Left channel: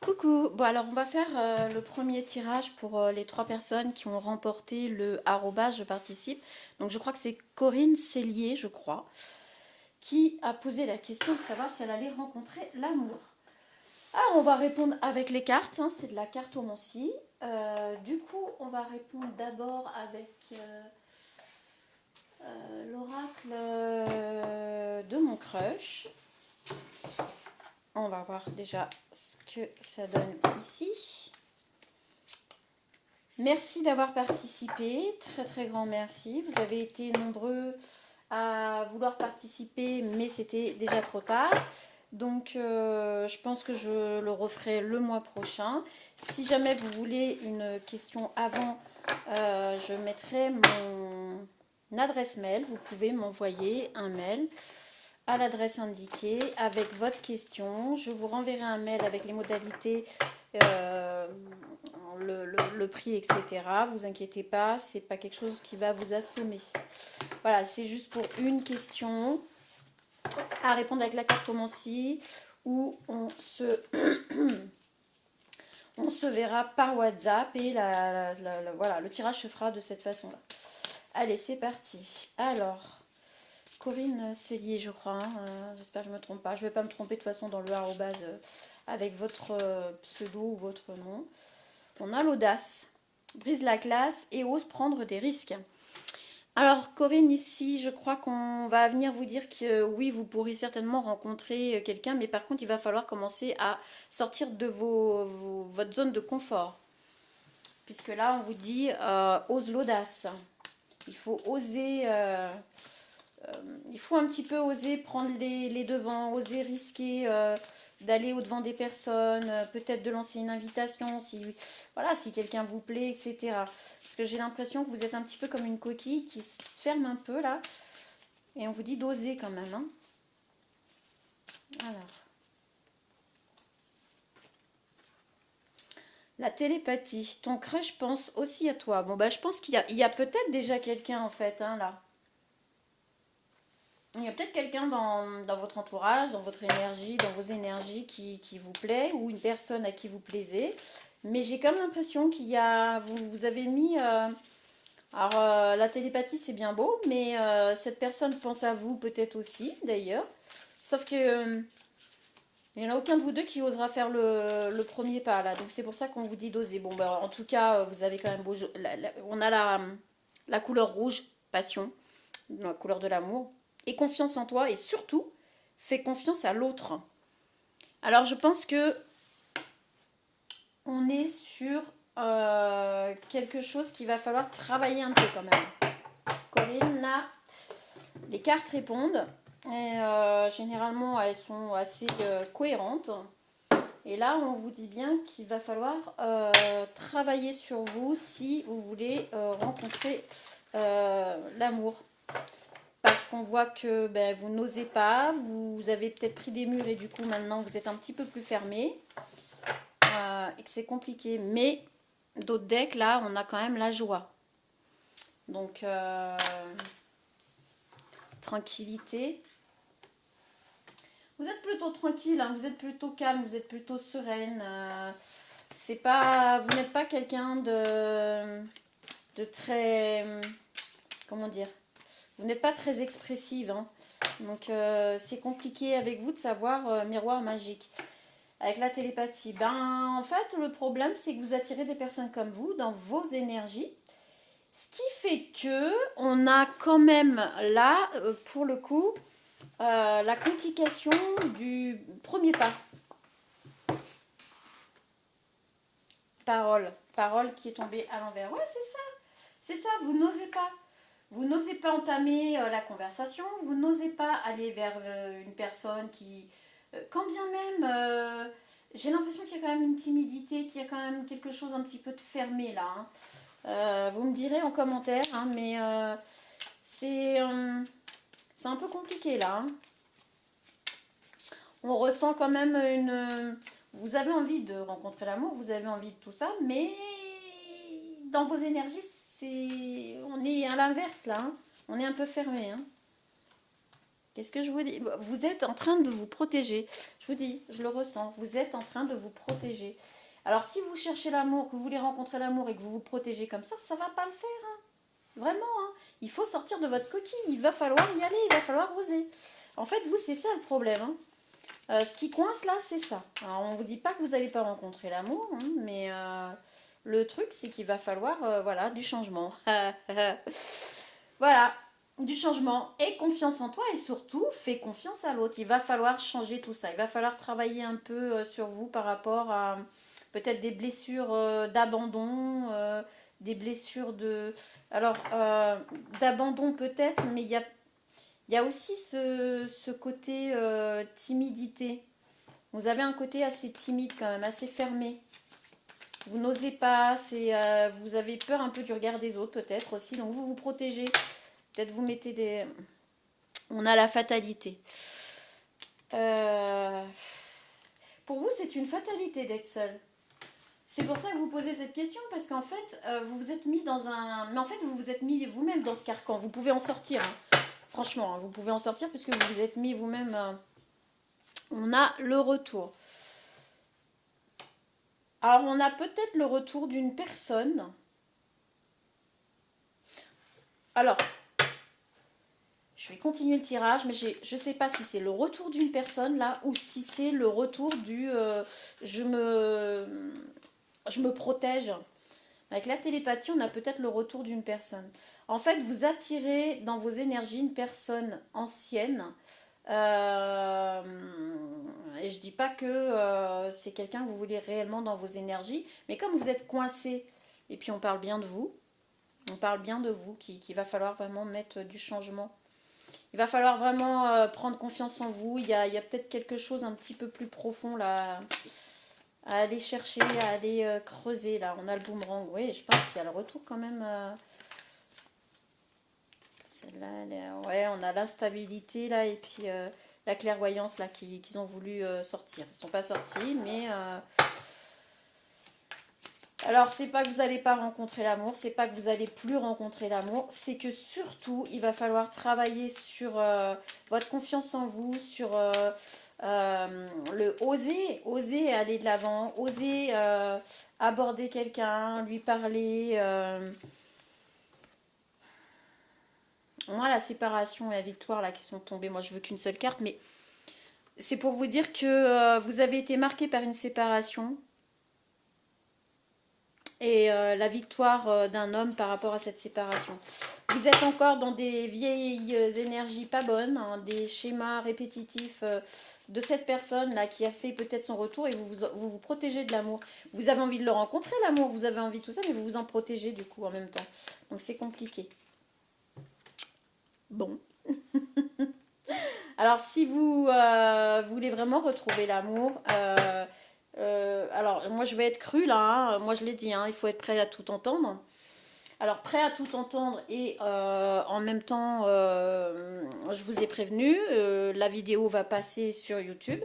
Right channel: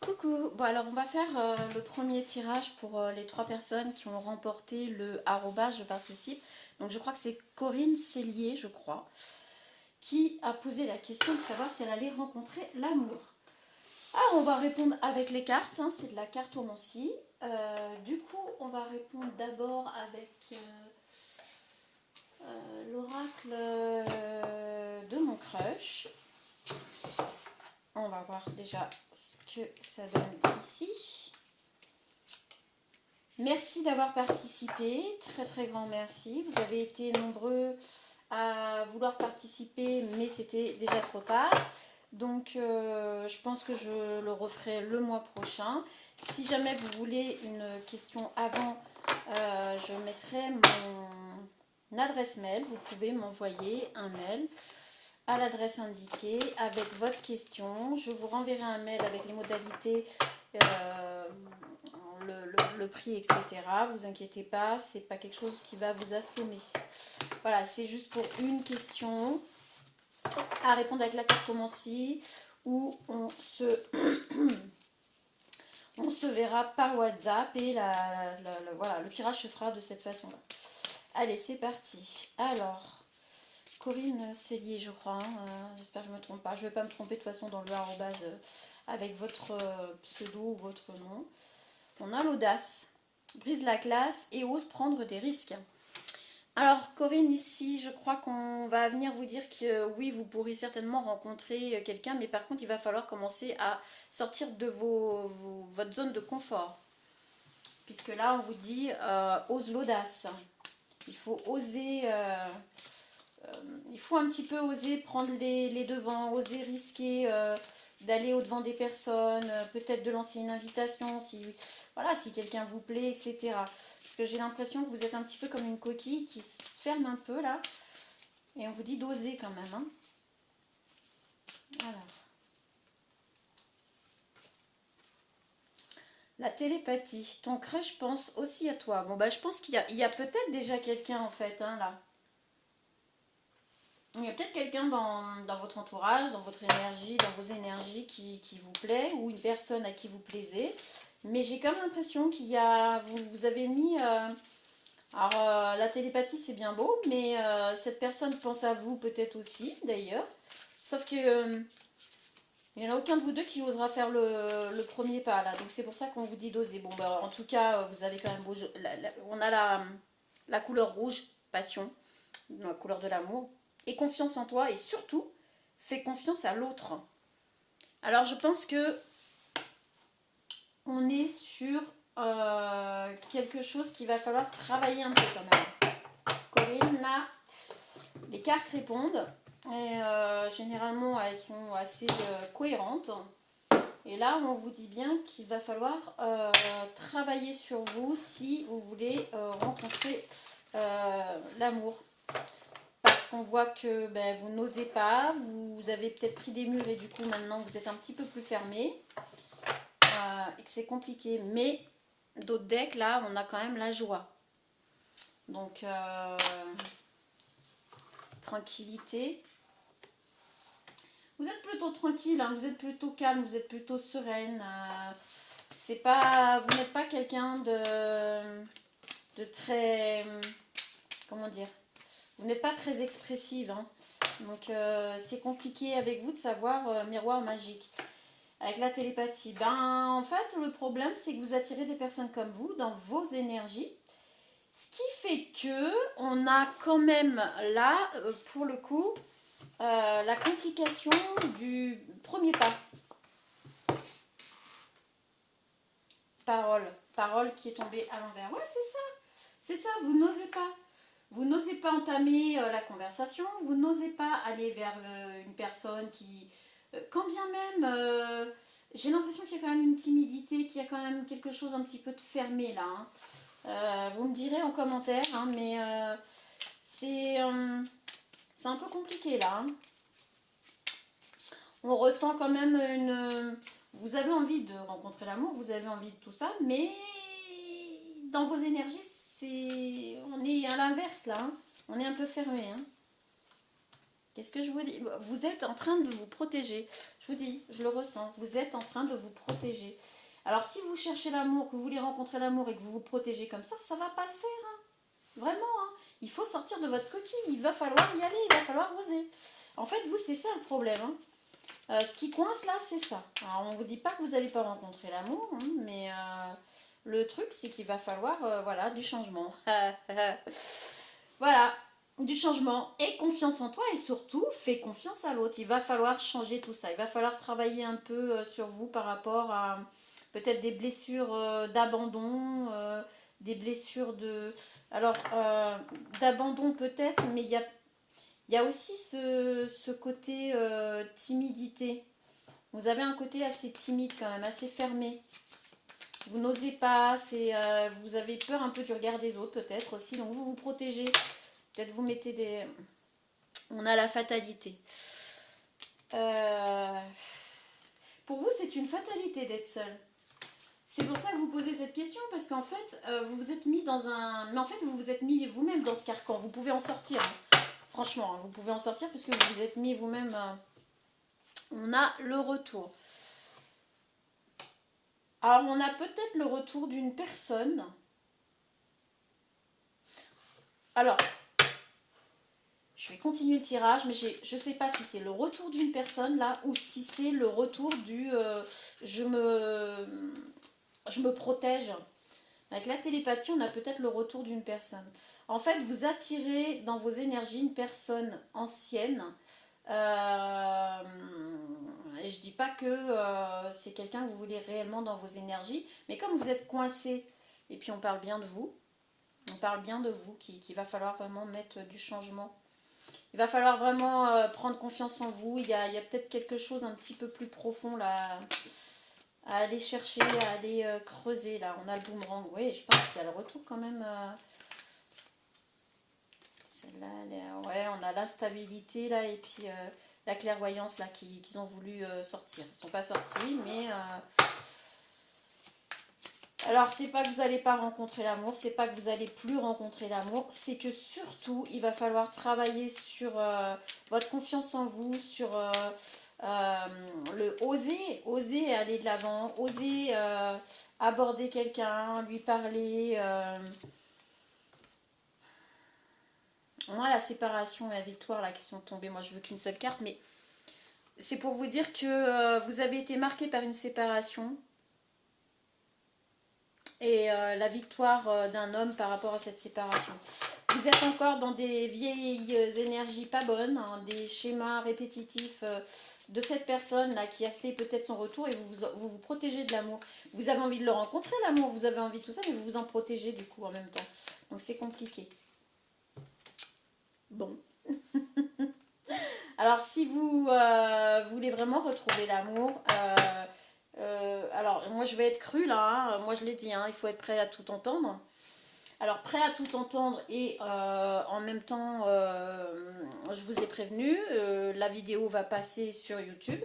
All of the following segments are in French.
Coucou, bon alors on va faire le premier tirage pour les trois personnes qui ont remporté le arrobas je participe. Donc je crois que c'est Corinne Cellier, je crois, qui a posé la question de savoir si elle allait rencontrer l'amour. Alors on va répondre avec les cartes, hein, c'est de la cartomancie. Du coup on va répondre d'abord avec l'oracle de mon crush. On va voir déjà ce que ça donne ici. Merci d'avoir participé, très très grand merci. Vous avez été nombreux à vouloir participer, mais c'était déjà trop tard. Donc je pense que je le referai le mois prochain. Si jamais vous voulez une question avant, je mettrai mon adresse mail. Vous pouvez m'envoyer un mail à l'adresse indiquée avec votre question. Je vous renverrai un mail avec les modalités, le prix, etc. Vous inquiétez pas, c'est pas quelque chose qui va vous assommer. Voilà, c'est juste pour une question à répondre avec la cartomancie où on se verra par WhatsApp et voilà, le tirage se fera de cette façon-là. Allez, c'est parti. Alors, Corinne Cellier, je crois. J'espère que je ne me trompe pas. Je ne vais pas me tromper de toute façon dans le arrobase avec votre pseudo ou votre nom. On a l'audace, brise la glace et ose prendre des risques. Alors Corinne, ici, je crois qu'on va venir vous dire que oui, vous pourrez certainement rencontrer quelqu'un, mais par contre, il va falloir commencer à sortir de votre zone de confort. Puisque là, on vous dit ose l'audace. Il faut oser, il faut un petit peu oser prendre les devants, oser risquer d'aller au-devant des personnes, peut-être de lancer une invitation si, voilà, si quelqu'un vous plaît, etc. Parce que j'ai l'impression que vous êtes un petit peu comme une coquille qui se ferme un peu là. Et on vous dit d'oser quand même. Hein. Alors, la télépathie. Ton crush pense aussi à toi. Bon, bah, je pense qu'il y a peut-être déjà quelqu'un en fait, hein, là. Il y a peut-être quelqu'un dans votre entourage, dans votre énergie, dans vos énergies qui vous plaît, ou une personne à qui vous plaisez. Mais j'ai comme l'impression qu'il y a. Vous avez mis. Alors, la télépathie, c'est bien beau, mais cette personne pense à vous peut-être aussi, d'ailleurs. Sauf que. Il n'y en a aucun de vous deux qui osera faire le premier pas, là. Donc, c'est pour ça qu'on vous dit d'oser. Bon, bah, en tout cas, vous avez quand même beau. On a la couleur rouge, passion, la couleur de l'amour. Et confiance en toi et surtout, fais confiance à l'autre. Alors je pense que on est sur quelque chose qu'il va falloir travailler un peu quand même. Corinne, là, les cartes répondent et généralement elles sont assez cohérentes. Et là, on vous dit bien qu'il va falloir travailler sur vous si vous voulez rencontrer l'amour. Parce qu'on voit que ben, vous n'osez pas, vous avez peut-être pris des murs et du coup maintenant vous êtes un petit peu plus fermé et que c'est compliqué. Mais d'autres decks, là, on a quand même la joie. Donc, tranquillité. Vous êtes plutôt tranquille, hein, vous êtes plutôt calme, vous êtes plutôt sereine. C'est pas, vous n'êtes pas quelqu'un de très, comment dire, vous n'êtes pas très expressive. Hein. Donc c'est compliqué avec vous de savoir miroir magique. Avec la télépathie, ben en fait le problème c'est que vous attirez des personnes comme vous dans vos énergies. Ce qui fait que on a quand même là, pour le coup, la complication du premier pas. Parole. Parole qui est tombée à l'envers. Ouais, c'est ça. C'est ça, vous n'osez pas. Vous n'osez pas entamer la conversation, vous n'osez pas aller vers une personne qui... quand bien même, j'ai l'impression qu'il y a quand même une timidité, qu'il y a quand même quelque chose un petit peu de fermé là. Hein. Vous me direz en commentaire, hein, mais c'est un peu compliqué là. Hein. On ressent quand même une... Vous avez envie de rencontrer l'amour, vous avez envie de tout ça, mais dans vos énergies, on est à l'inverse là. Hein. On est un peu fermé. Hein. Qu'est-ce que je vous dis? Vous êtes en train de vous protéger. Je vous dis, je le ressens. Vous êtes en train de vous protéger. Alors, si vous cherchez l'amour, que vous voulez rencontrer l'amour et que vous vous protégez comme ça va pas le faire. Vraiment, hein. Il faut sortir de votre coquille. Il va falloir y aller. Il va falloir oser. En fait, vous, c'est ça le problème. Hein. Ce qui coince là, c'est ça. Alors, on ne vous dit pas que vous n'allez pas rencontrer l'amour, hein, mais le truc, c'est qu'il va falloir voilà, du changement. Voilà, du changement. Et confiance en toi et surtout, fais confiance à l'autre. Il va falloir changer tout ça. Il va falloir travailler un peu sur vous par rapport à peut-être des blessures d'abandon, des blessures de... Alors, d'abandon peut-être, mais il y a aussi ce côté timidité. Vous avez un côté assez timide quand même, assez fermé. Vous n'osez pas, vous avez peur un peu du regard des autres peut-être aussi, donc vous vous protégez. Peut-être vous mettez des... On a la fatalité. Pour vous, c'est une fatalité d'être seul. C'est pour ça que vous posez cette question, parce qu'en fait, vous vous êtes mis dans un... Mais en fait, vous vous êtes mis vous-même dans ce carcan. Vous pouvez en sortir. Hein. Franchement, hein, vous pouvez en sortir parce que vous vous êtes mis vous-même... On a le retour. Alors, on a peut-être le retour d'une personne. Alors, je vais continuer le tirage, mais je ne sais pas si c'est le retour d'une personne là ou si c'est le retour du je me protège. Avec la télépathie, on a peut-être le retour d'une personne. En fait, vous attirez dans vos énergies une personne ancienne. Et je dis pas que c'est quelqu'un que vous voulez réellement dans vos énergies, mais comme vous êtes coincé, et puis on parle bien de vous, qu'il va falloir vraiment mettre du changement. Il va falloir vraiment prendre confiance en vous. Il y a peut-être quelque chose un petit peu plus profond là à aller chercher, à aller creuser là. On a le boomerang, oui, je pense qu'il y a le retour quand même. Celle-là, ouais, on a l'instabilité là et puis la clairvoyance là qu'ils ont voulu sortir. Ils ne sont pas sortis, mais alors c'est pas que vous n'allez pas rencontrer l'amour, c'est pas que vous allez plus rencontrer l'amour, c'est que surtout il va falloir travailler sur votre confiance en vous, sur le oser aller de l'avant, oser aborder quelqu'un, lui parler. Moi, la séparation et la victoire là qui sont tombées, moi je veux qu'une seule carte, mais c'est pour vous dire que vous avez été marqué par une séparation et la victoire d'un homme par rapport à cette séparation. Vous êtes encore dans des vieilles énergies pas bonnes, hein, des schémas répétitifs de cette personne là qui a fait peut-être son retour et vous protégez de l'amour. Vous avez envie de le rencontrer, l'amour, vous avez envie de tout ça, mais vous vous en protégez du coup en même temps. Donc c'est compliqué. Bon. Alors, si vous voulez vraiment retrouver l'amour, alors moi je vais être crue là, hein, moi je l'ai dit, hein, il faut être prêt à tout entendre. Alors, prêt à tout entendre et en même temps, je vous ai prévenu, la vidéo va passer sur YouTube,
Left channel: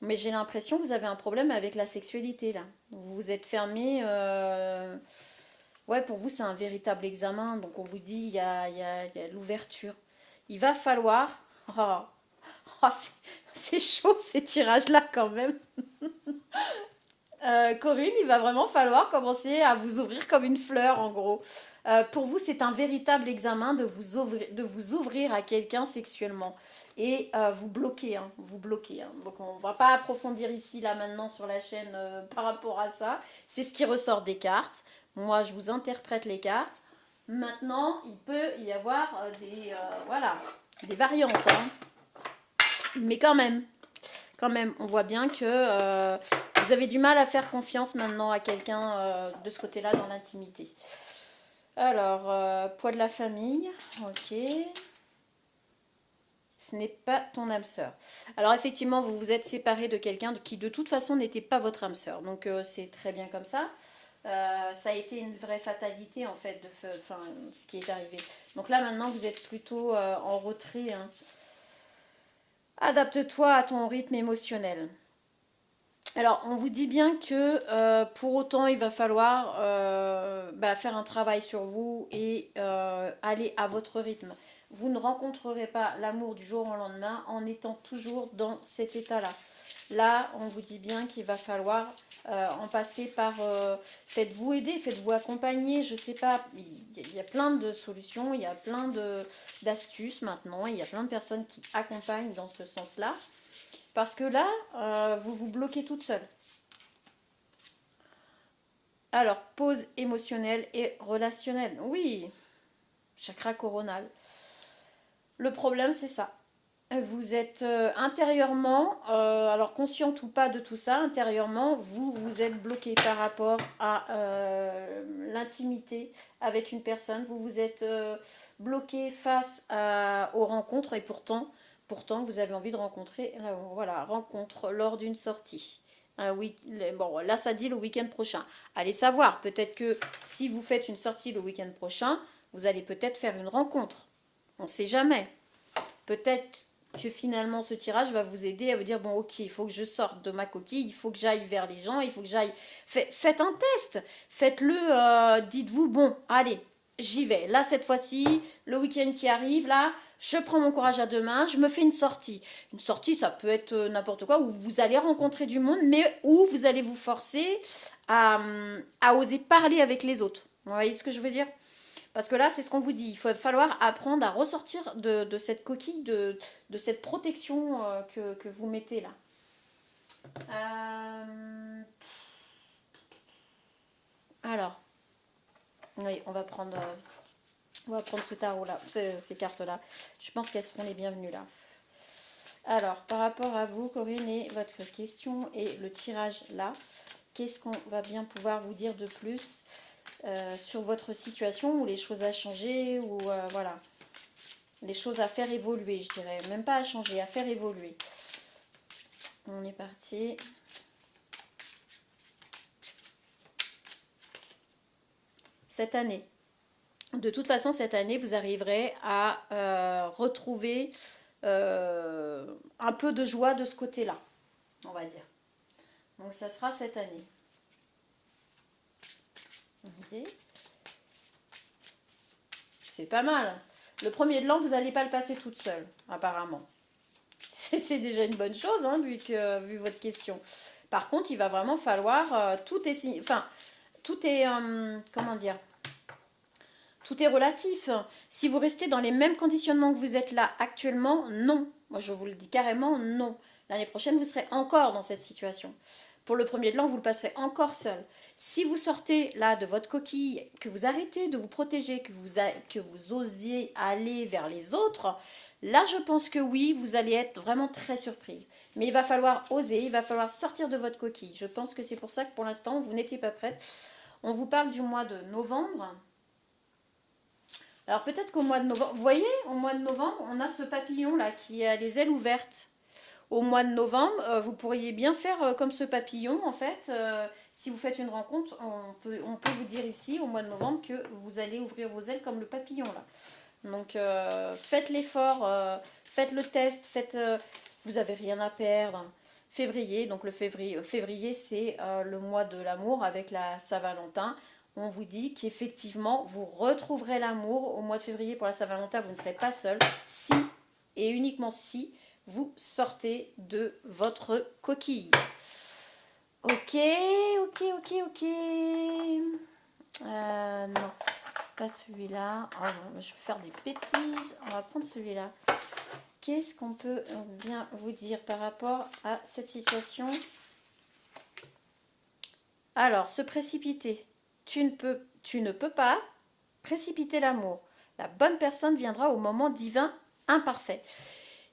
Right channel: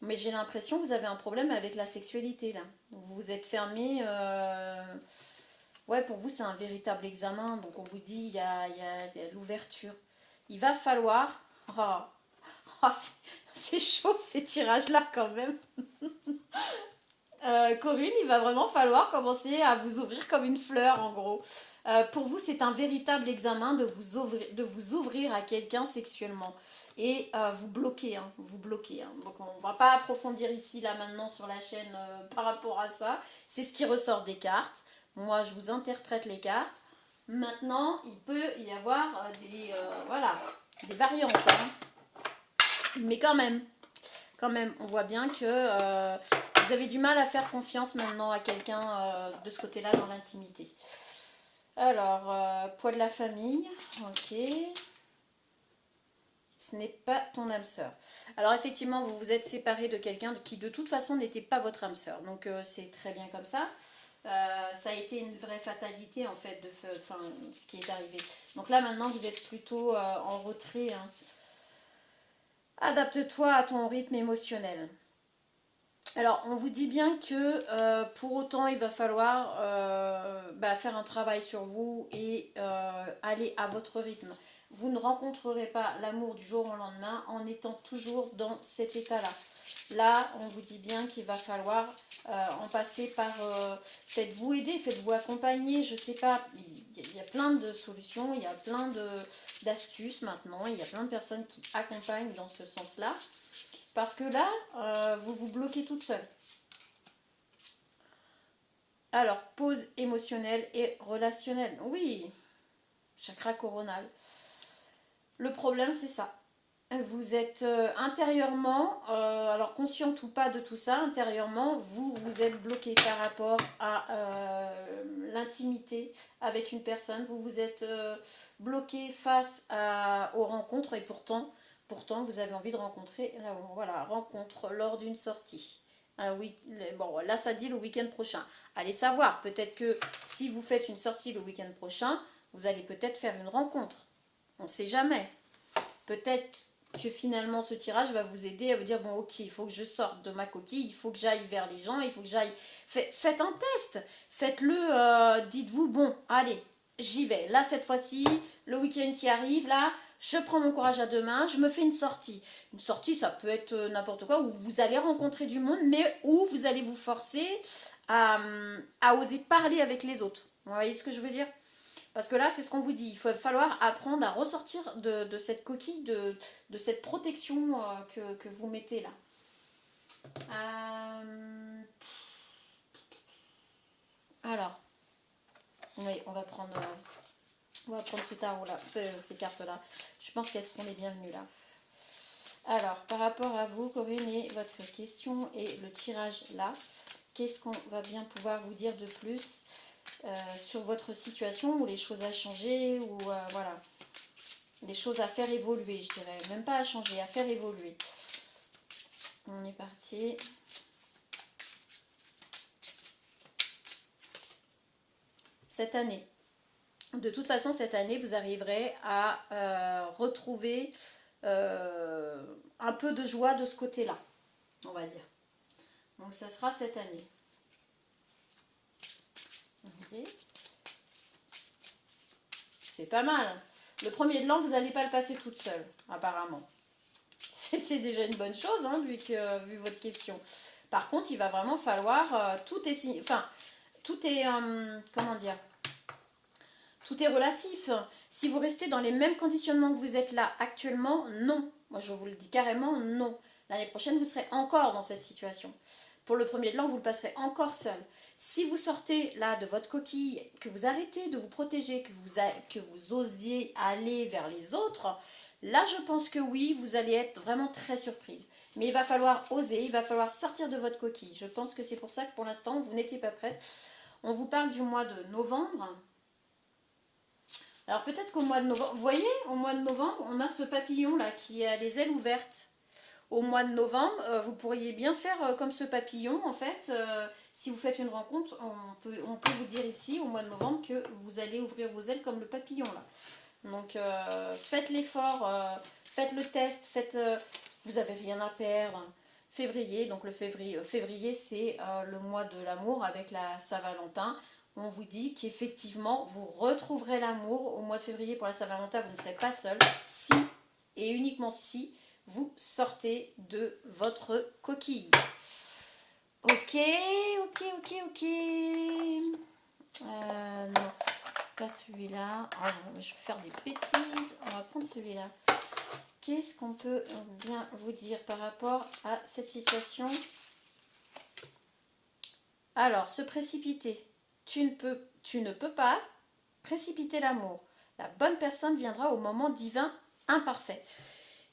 mais j'ai l'impression que vous avez un problème avec la sexualité là. Vous vous êtes fermé. Ouais, pour vous, c'est un véritable examen. Donc, on vous dit, il y a l'ouverture. Il va falloir. Oh, oh, c'est chaud ces tirages-là quand même. Corinne, il va vraiment falloir commencer à vous ouvrir comme une fleur en gros. Pour vous, c'est un véritable examen de vous ouvrir à quelqu'un sexuellement. Et vous bloquez, hein, vous bloquez. Hein. Donc on ne va pas approfondir ici, là maintenant sur la chaîne par rapport à ça. C'est ce qui ressort des cartes. Moi, je vous interprète les cartes. Maintenant, il peut y avoir voilà, des variantes. Hein. Mais quand même, on voit bien que vous avez du mal à faire confiance maintenant à quelqu'un de ce côté-là dans l'intimité. Alors, poids de la famille, ok. Ce n'est pas ton âme sœur. Alors effectivement, vous vous êtes séparé de quelqu'un qui de toute façon n'était pas votre âme sœur. Donc c'est très bien comme ça. Ça a été une vraie fatalité en fait, ce qui est arrivé. Donc là maintenant, vous êtes plutôt en retrait. Hein. Adapte-toi à ton rythme émotionnel. Alors, on vous dit bien que pour autant, il va falloir faire un travail sur vous et aller à votre rythme. vous ne rencontrerez pas l'amour du jour au lendemain en étant toujours dans cet état-là. Là, on vous dit bien qu'il va falloir en passer par... faites-vous aider, faites-vous accompagner, je sais pas. Il y a plein de solutions, il y a plein d'astuces maintenant. Il y a plein de personnes qui accompagnent dans ce sens-là. Parce que là, vous vous bloquez toute seule. Alors, pause émotionnelle et relationnelle. Oui, chakra coronal. Le problème, c'est ça. Vous êtes intérieurement, alors consciente ou pas de tout ça, intérieurement, vous êtes bloqué par rapport à l'intimité avec une personne. Vous vous êtes bloqué face aux rencontres et pourtant, vous avez envie de rencontrer, voilà, rencontre lors d'une sortie. Oui, bon, là ça dit le week-end prochain. Allez savoir, peut-être que si vous faites une sortie le week-end prochain, vous allez peut-être faire une rencontre. On ne sait jamais. Peut-être que finalement ce tirage va vous aider à vous dire bon ok, il faut que je sorte de ma coquille, il faut que j'aille vers les gens, il faut que j'aille... Faites un test, faites-le, dites-vous bon, allez, j'y vais. Là cette fois-ci, le week-end qui arrive, là, je prends mon courage à deux mains, je me fais une sortie. Une sortie, ça peut être n'importe quoi, où vous allez rencontrer du monde, mais où vous allez vous forcer à oser parler avec les autres. Vous voyez ce que je veux dire ? Parce que là, c'est ce qu'on vous dit. Il va falloir apprendre à ressortir de cette coquille, de cette protection que vous mettez là. Alors, oui, on va prendre ce tarot-là, ces cartes-là. Je pense qu'elles seront les bienvenues là. Alors, par rapport à vous, Corinne, et votre question et le tirage là, qu'est-ce qu'on va bien pouvoir vous dire de plus sur votre situation, ou les choses à changer, ou voilà, les choses à faire évoluer, je dirais, même pas à changer, à faire évoluer. On est parti. Cette année, de toute façon, cette année, vous arriverez à retrouver un peu de joie de ce côté-là, on va dire. Donc, ça sera cette année. Okay. C'est pas mal. Le premier de l'an, vous n'allez pas le passer toute seule, apparemment. C'est déjà une bonne chose, hein, vu votre question. Par contre, il va vraiment falloir... tout est... Enfin, tout est... comment dire ? Tout est relatif. Si vous restez dans les mêmes conditionnements que vous êtes là actuellement, non. Moi, je vous le dis carrément, non. L'année prochaine, vous serez encore dans cette situation. Pour le premier de l'an, vous le passerez encore seul. Si vous sortez là de votre coquille, que vous arrêtez de vous protéger, que vous osiez aller vers les autres, là, je pense que oui, vous allez être vraiment très surprise. Mais il va falloir oser, il va falloir sortir de votre coquille. Je pense que c'est pour ça que pour l'instant, vous n'étiez pas prête. On vous parle du mois de novembre. Alors peut-être qu'au mois de novembre, vous voyez, au mois de novembre, on a ce papillon là qui a les ailes ouvertes. Au mois de novembre, vous pourriez bien faire comme ce papillon en fait. Si vous faites une rencontre, on peut vous dire ici au mois de novembre que vous allez ouvrir vos ailes comme le papillon là. Donc faites l'effort, faites le test, vous n'avez rien à perdre. Février, donc le février c'est le mois de l'amour avec la Saint-Valentin. On vous dit qu'effectivement, vous retrouverez l'amour au mois de février pour la Saint-Valentin. Vous ne serez pas seul si, et uniquement si, vous sortez de votre coquille. Ok. Non, pas celui-là. Oh non, je vais faire des bêtises. On va prendre celui-là. Qu'est-ce qu'on peut bien vous dire par rapport à cette situation? Alors, se précipiter. Tu ne peux pas précipiter l'amour. La bonne personne viendra au moment divin imparfait.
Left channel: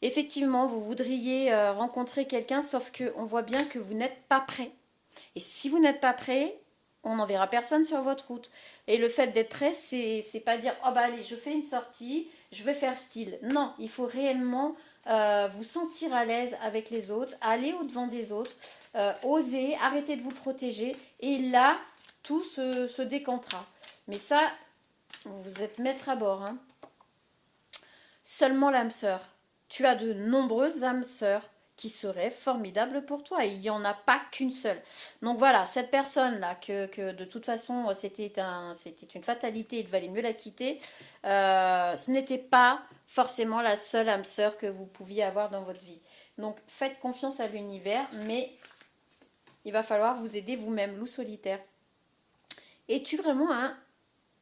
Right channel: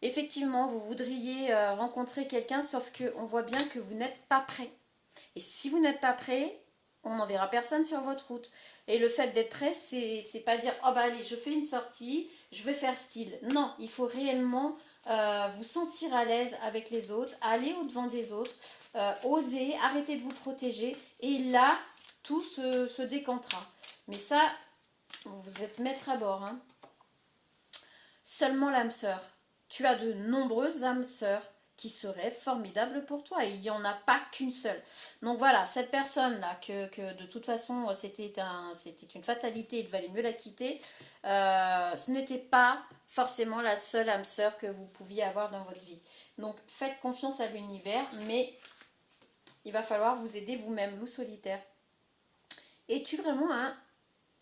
Effectivement, vous voudriez rencontrer quelqu'un, sauf qu'on voit bien que vous n'êtes pas prêt. Et si vous n'êtes pas prêt, on n'enverra personne sur votre route. Et le fait d'être prêt, c'est pas dire « Oh bah allez, je fais une sortie, je vais faire style ». Non, il faut réellement vous sentir à l'aise avec les autres, aller au-devant des autres, oser, arrêter de vous protéger. Et là, tout se décantera. Mais ça, vous êtes maître à bord. Hein. Seulement l'âme sœur. Tu as de nombreuses âmes sœurs qui serait formidable pour toi. Il n'y en a pas qu'une seule. Donc voilà, cette personne-là, que de toute façon, c'était une fatalité, il valait mieux la quitter, ce n'était pas forcément la seule âme sœur que vous pouviez avoir dans votre vie. Donc faites confiance à l'univers, mais il va falloir vous aider vous-même, loup solitaire. Es-tu vraiment un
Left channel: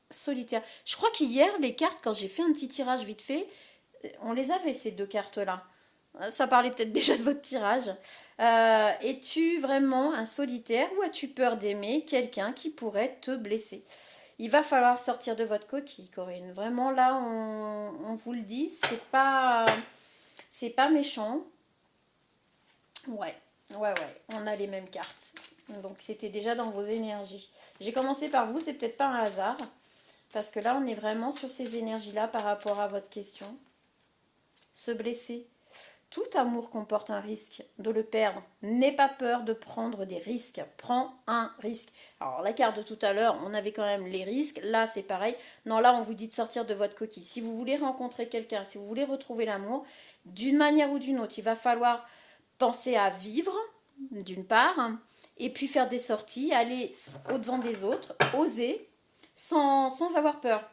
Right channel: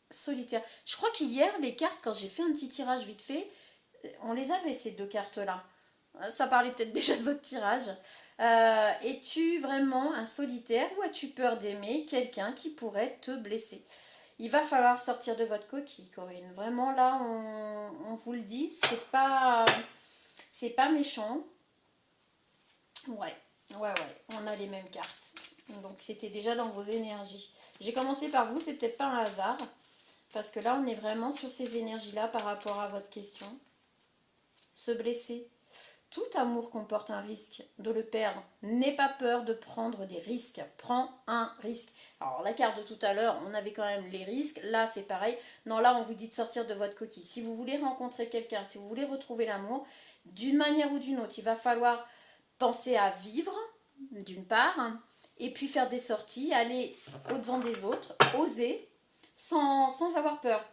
solitaire? Je crois qu'hier, les cartes, quand j'ai fait un petit tirage vite fait, on les avait ces deux cartes-là. Ça parlait peut-être déjà de votre tirage. Es-tu vraiment un solitaire ou as-tu peur d'aimer quelqu'un qui pourrait te blesser? Il va falloir sortir de votre coquille, Corinne. Vraiment, là, on vous le dit, c'est pas méchant. Ouais, ouais, on a les mêmes cartes. Donc, c'était déjà dans vos énergies. J'ai commencé par vous, c'est peut-être pas un hasard. Parce que là, on est vraiment sur ces énergies-là par rapport à votre question. Se blesser. Tout amour comporte un risque de le perdre. N'aie pas peur de prendre des risques. Prends un risque. Alors, la carte de tout à l'heure, on avait quand même les risques. Là, c'est pareil. Non, là, on vous dit de sortir de votre coquille. Si vous voulez rencontrer quelqu'un, si vous voulez retrouver l'amour, d'une manière ou d'une autre, il va falloir penser à vivre, d'une part, et puis faire des sorties, aller au-devant des autres, oser, sans avoir peur.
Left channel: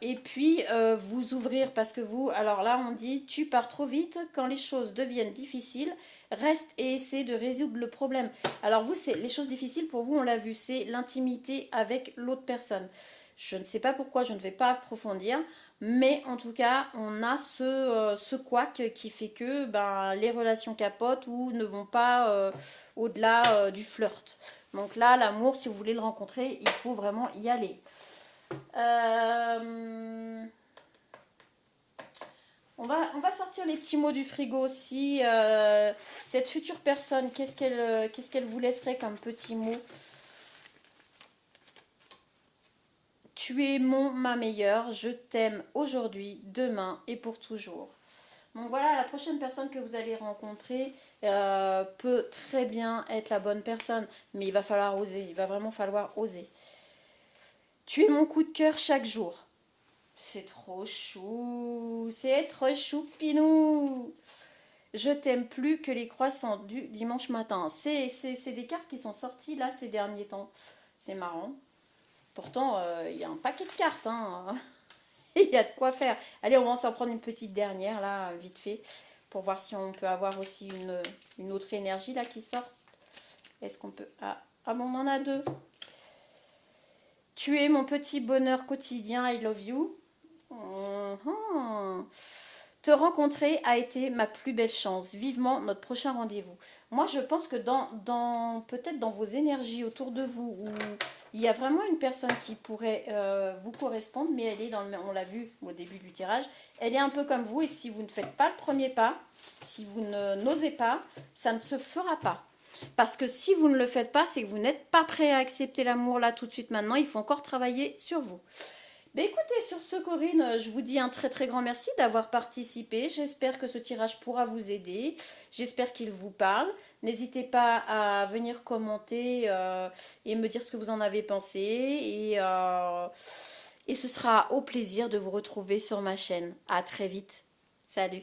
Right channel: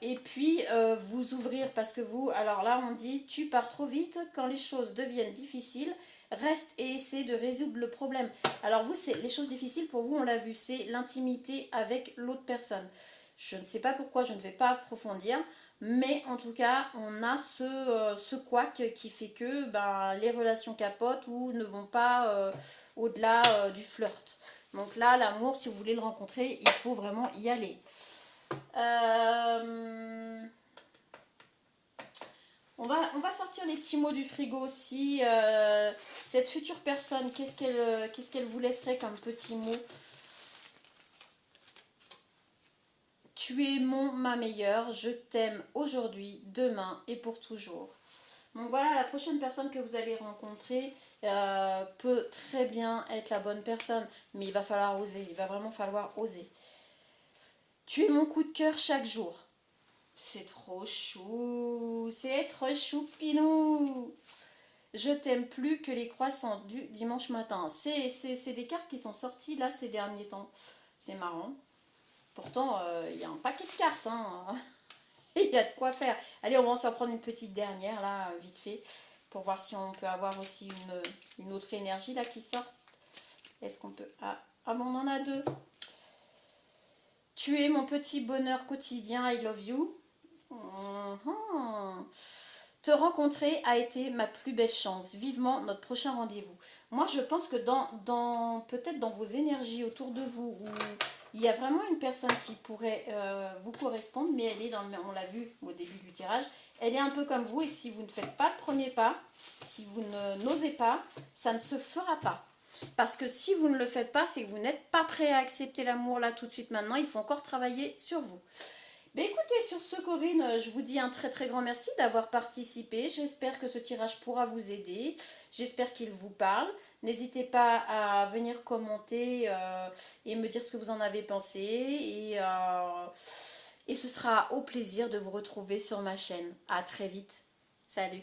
Et puis vous ouvrir parce que vous, alors là on dit tu pars trop vite quand les choses deviennent difficiles, reste et essaie de résoudre le problème. Alors vous, c'est les choses difficiles pour vous, on l'a vu, c'est l'intimité avec l'autre personne. Je ne sais pas pourquoi, je ne vais pas approfondir, mais en tout cas on a ce couac qui fait que ben, les relations capotent ou ne vont pas au-delà du flirt. Donc là l'amour, si vous voulez le rencontrer, il faut vraiment y aller. On va sortir les petits mots du frigo aussi. Cette future personne, qu'est-ce qu'elle vous laisserait comme petit mot? Tu es ma meilleure, je t'aime aujourd'hui, demain et pour toujours. Donc voilà, la prochaine personne que vous allez rencontrer peut très bien être la bonne personne, mais il va falloir oser, il va vraiment falloir oser. Tu es mon coup de cœur chaque jour. C'est trop chou, c'est trop choupinou. Je t'aime plus que les croissants du dimanche matin. C'est des cartes qui sont sorties là ces derniers temps. C'est marrant. Pourtant, il y a un paquet de cartes. Hein. Il y a de quoi faire. Allez, on va s'en prendre une petite dernière là, vite fait, pour voir si on peut avoir aussi une autre énergie là qui sort. Est-ce qu'on peut... Ah bon, on en a deux. Tu es mon petit bonheur quotidien, I love you. Te rencontrer a été ma plus belle chance. Vivement notre prochain rendez-vous. Moi, je pense que peut-être dans vos énergies autour de vous, où il y a vraiment une personne qui pourrait vous correspondre, mais elle est on l'a vu au début du tirage, elle est un peu comme vous, et si vous ne faites pas le premier pas, si vous n'osez pas, ça ne se fera pas. Parce que si vous ne le faites pas, c'est que vous n'êtes pas prêt à accepter l'amour là tout de suite maintenant. Il faut encore travailler sur vous. Mais écoutez, sur ce, Corinne, je vous dis un très très grand merci d'avoir participé. J'espère que ce tirage pourra vous aider. J'espère qu'il vous parle. N'hésitez pas à venir commenter et me dire ce que vous en avez pensé. Et ce sera au plaisir de vous retrouver sur ma chaîne. À très vite. Salut.